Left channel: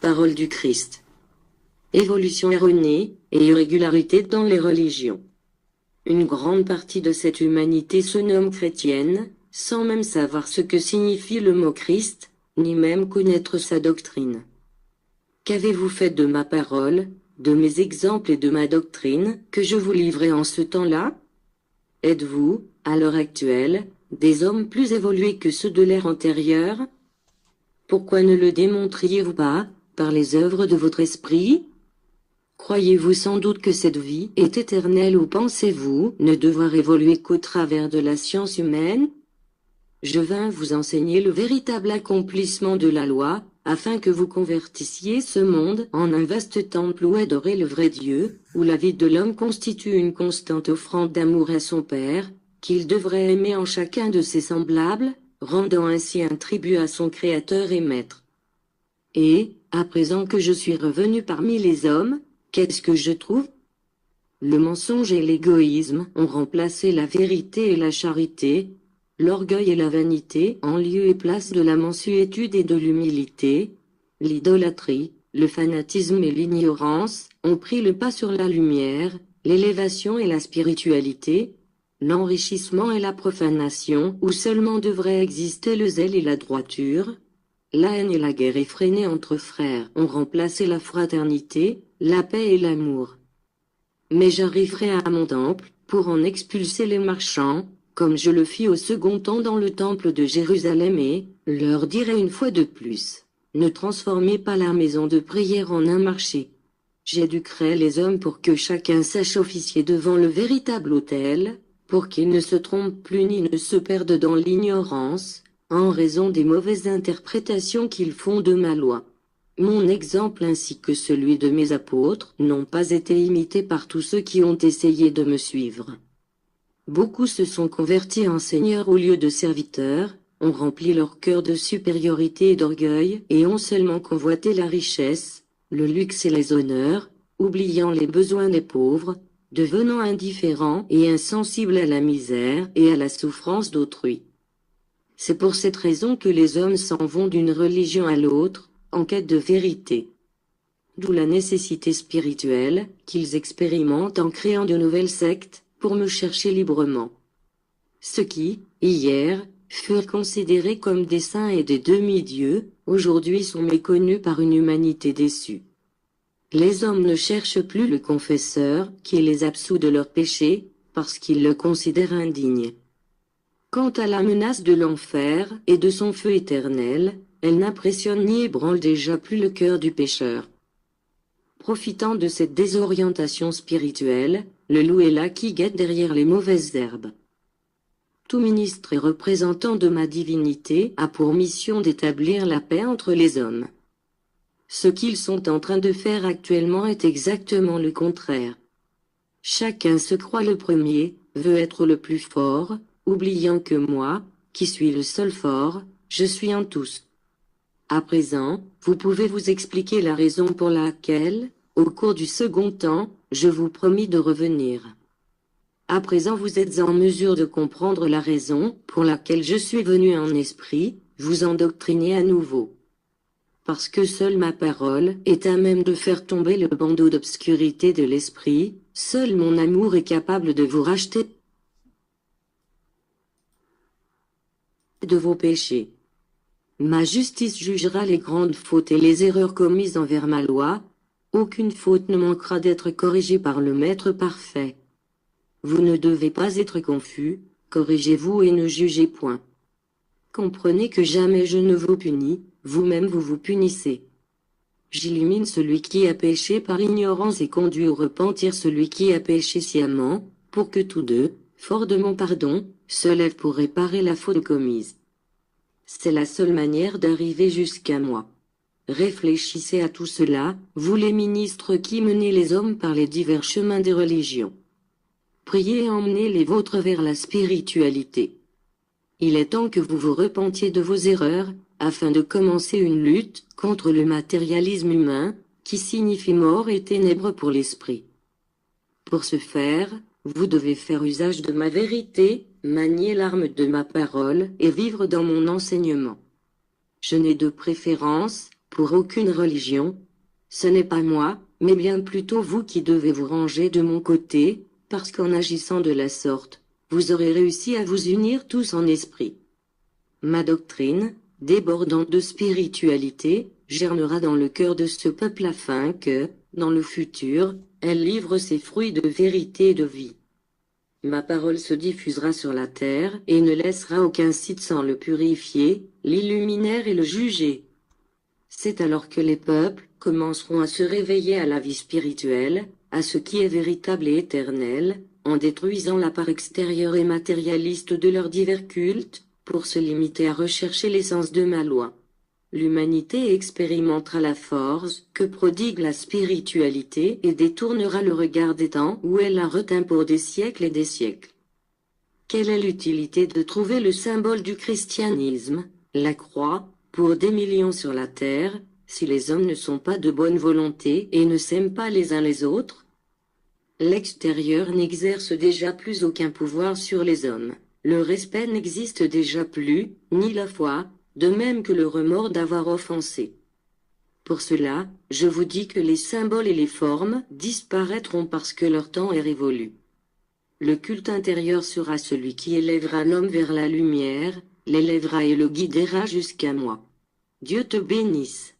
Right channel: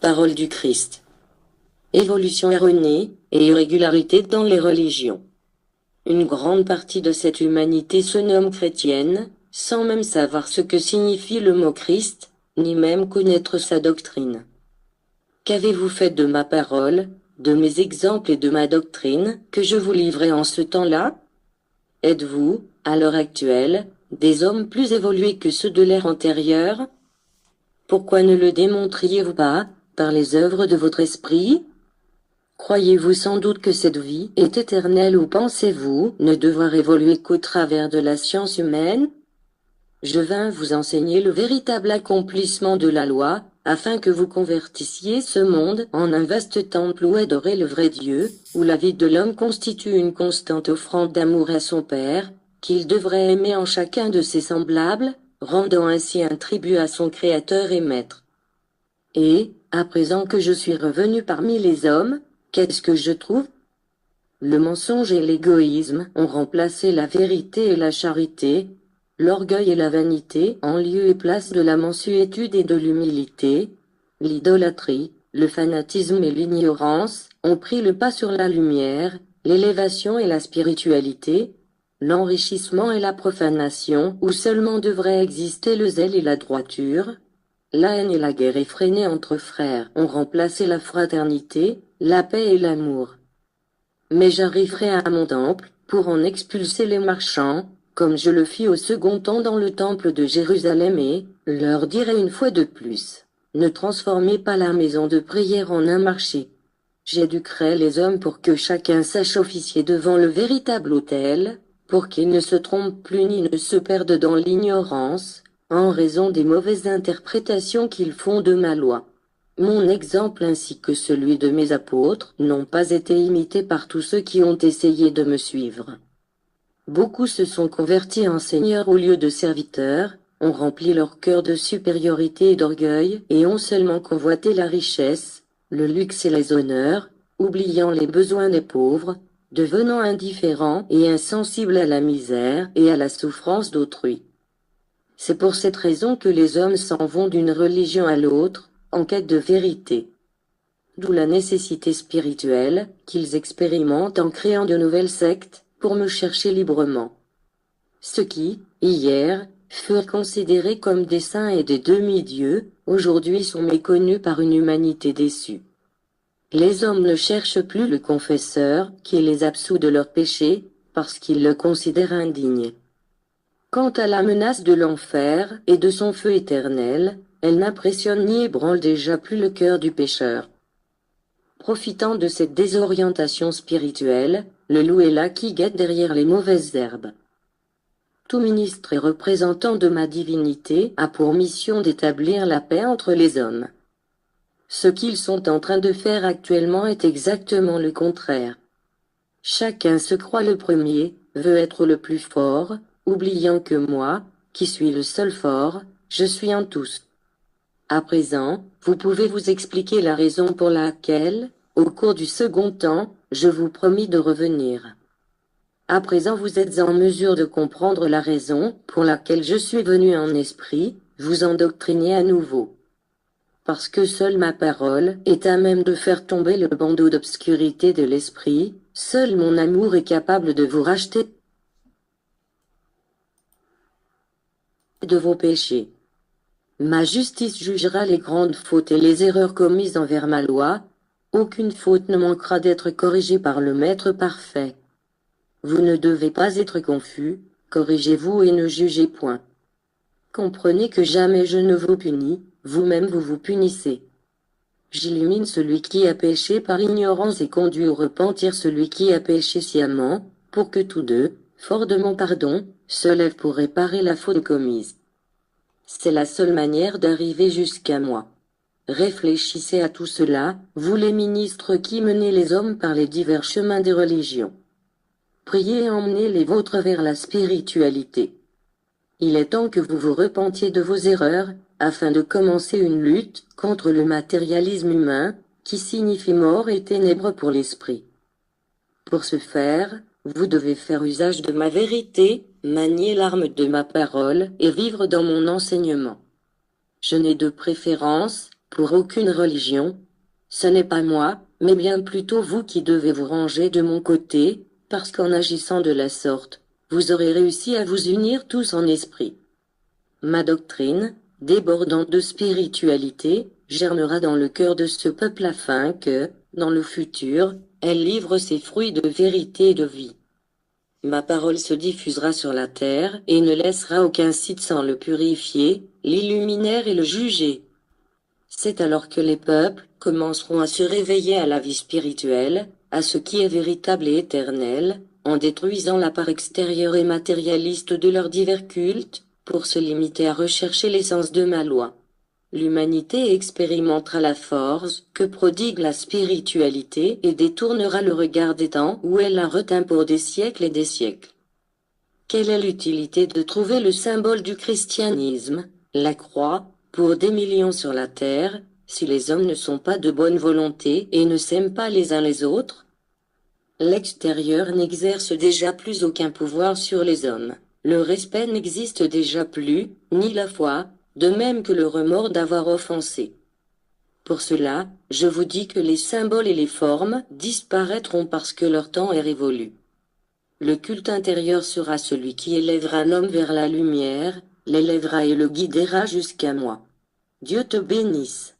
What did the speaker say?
Parole du Christ. Évolution erronée et irrégularité dans les religions. Une grande partie de cette humanité se nomme chrétienne, sans même savoir ce que signifie le mot Christ, ni même connaître sa doctrine. Qu'avez-vous fait de ma parole, de mes exemples et de ma doctrine, que je vous livrais en ce temps-là? Êtes-vous, à l'heure actuelle, des hommes plus évolués que ceux de l'ère antérieure? Pourquoi ne le démontriez-vous pas, par les œuvres de votre esprit? Croyez-vous sans doute que cette vie est éternelle ou pensez-vous ne devoir évoluer qu'au travers de la science humaine? Je vins vous enseigner le véritable accomplissement de la loi, afin que vous convertissiez ce monde en un vaste temple où adorer le vrai Dieu, où la vie de l'homme constitue une constante offrande d'amour à son Père, qu'il devrait aimer en chacun de ses semblables, rendant ainsi un tribut à son Créateur et Maître. Et, à présent que je suis revenu parmi les hommes, qu'est-ce que je trouve? Le mensonge et l'égoïsme ont remplacé la vérité et la charité, l'orgueil et la vanité en lieu et place de la mansuétude et de l'humilité, l'idolâtrie, le fanatisme et l'ignorance ont pris le pas sur la lumière, l'élévation et la spiritualité, l'enrichissement et la profanation où seulement devraient exister le zèle et la droiture. La haine et la guerre effrénée entre frères ont remplacé la fraternité, la paix et l'amour. Mais j'arriverai à mon temple, pour en expulser les marchands, comme je le fis au second temps dans le temple de Jérusalem et, leur dirai une fois de plus, ne transformez pas la maison de prière en un marché. J'éduquerai les hommes pour que chacun sache officier devant le véritable autel, pour qu'ils ne se trompent plus ni ne se perdent dans l'ignorance, en raison des mauvaises interprétations qu'ils font de ma loi. Mon exemple ainsi que celui de mes apôtres n'ont pas été imités par tous ceux qui ont essayé de me suivre. Beaucoup se sont convertis en seigneurs au lieu de serviteurs, ont rempli leur cœur de supériorité et d'orgueil et ont seulement convoité la richesse, le luxe et les honneurs, oubliant les besoins des pauvres, devenant indifférents et insensibles à la misère et à la souffrance d'autrui. C'est pour cette raison que les hommes s'en vont d'une religion à l'autre, en quête de vérité. D'où la nécessité spirituelle qu'ils expérimentent en créant de nouvelles sectes, pour me chercher librement. Ceux qui, hier, furent considérés comme des saints et des demi-dieux, aujourd'hui sont méconnus par une humanité déçue. Les hommes ne cherchent plus le confesseur qui les absout de leurs péchés, parce qu'ils le considèrent indigne. Quant à la menace de l'enfer et de son feu éternel, elle n'impressionne ni ébranle déjà plus le cœur du pécheur. Profitant de cette désorientation spirituelle, le loup est là qui guette derrière les mauvaises herbes. Tout ministre et représentant de ma divinité a pour mission d'établir la paix entre les hommes. Ce qu'ils sont en train de faire actuellement est exactement le contraire. Chacun se croit le premier, veut être le plus fort, oubliant que moi, qui suis le seul fort, je suis en tous. À présent, vous pouvez vous expliquer la raison pour laquelle, au cours du second temps, je vous promis de revenir. À présent vous êtes en mesure de comprendre la raison pour laquelle je suis venu en esprit, vous endoctriner à nouveau. Parce que seule ma parole est à même de faire tomber le bandeau d'obscurité de l'esprit, seul mon amour est capable de vous racheter de vos péchés. Ma justice jugera les grandes fautes et les erreurs commises envers ma loi. Aucune faute ne manquera d'être corrigée par le Maître parfait. Vous ne devez pas être confus, corrigez-vous et ne jugez point. Comprenez que jamais je ne vous punis, vous-même vous vous punissez. J'illumine celui qui a péché par ignorance et conduis au repentir celui qui a péché sciemment, pour que tous deux, forts de mon pardon, se lèvent pour réparer la faute commise. C'est la seule manière d'arriver jusqu'à moi. Réfléchissez à tout cela, vous les ministres qui menez les hommes par les divers chemins des religions. Priez et emmenez les vôtres vers la spiritualité. Il est temps que vous vous repentiez de vos erreurs, afin de commencer une lutte contre le matérialisme humain, qui signifie mort et ténèbres pour l'esprit. Pour ce faire, vous devez faire usage de ma vérité, manier l'arme de ma parole et vivre dans mon enseignement. Je n'ai de préférence, pour aucune religion. Ce n'est pas moi, mais bien plutôt vous qui devez vous ranger de mon côté, parce qu'en agissant de la sorte, vous aurez réussi à vous unir tous en esprit. Ma doctrine, débordante de spiritualité, germera dans le cœur de ce peuple afin que, dans le futur, elle livre ses fruits de vérité et de vie. Ma parole se diffusera sur la terre et ne laissera aucun site sans le purifier, l'illuminer et le juger. C'est alors que les peuples commenceront à se réveiller à la vie spirituelle, à ce qui est véritable et éternel, en détruisant la part extérieure et matérialiste de leurs divers cultes, pour se limiter à rechercher l'essence de ma loi. L'humanité expérimentera la force que prodigue la spiritualité et détournera le regard des temps où elle la retint pour des siècles et des siècles. Quelle est l'utilité de trouver le symbole du christianisme, la croix, pour des millions sur la terre, si les hommes ne sont pas de bonne volonté et ne s'aiment pas les uns les autres? L'extérieur n'exerce déjà plus aucun pouvoir sur les hommes. Le respect n'existe déjà plus, ni la foi, de même que le remords d'avoir offensé. Pour cela, je vous dis que les symboles et les formes disparaîtront parce que leur temps est révolu. Le culte intérieur sera celui qui élèvera l'homme vers la lumière, l'élèvera et le guidera jusqu'à moi. Dieu te bénisse.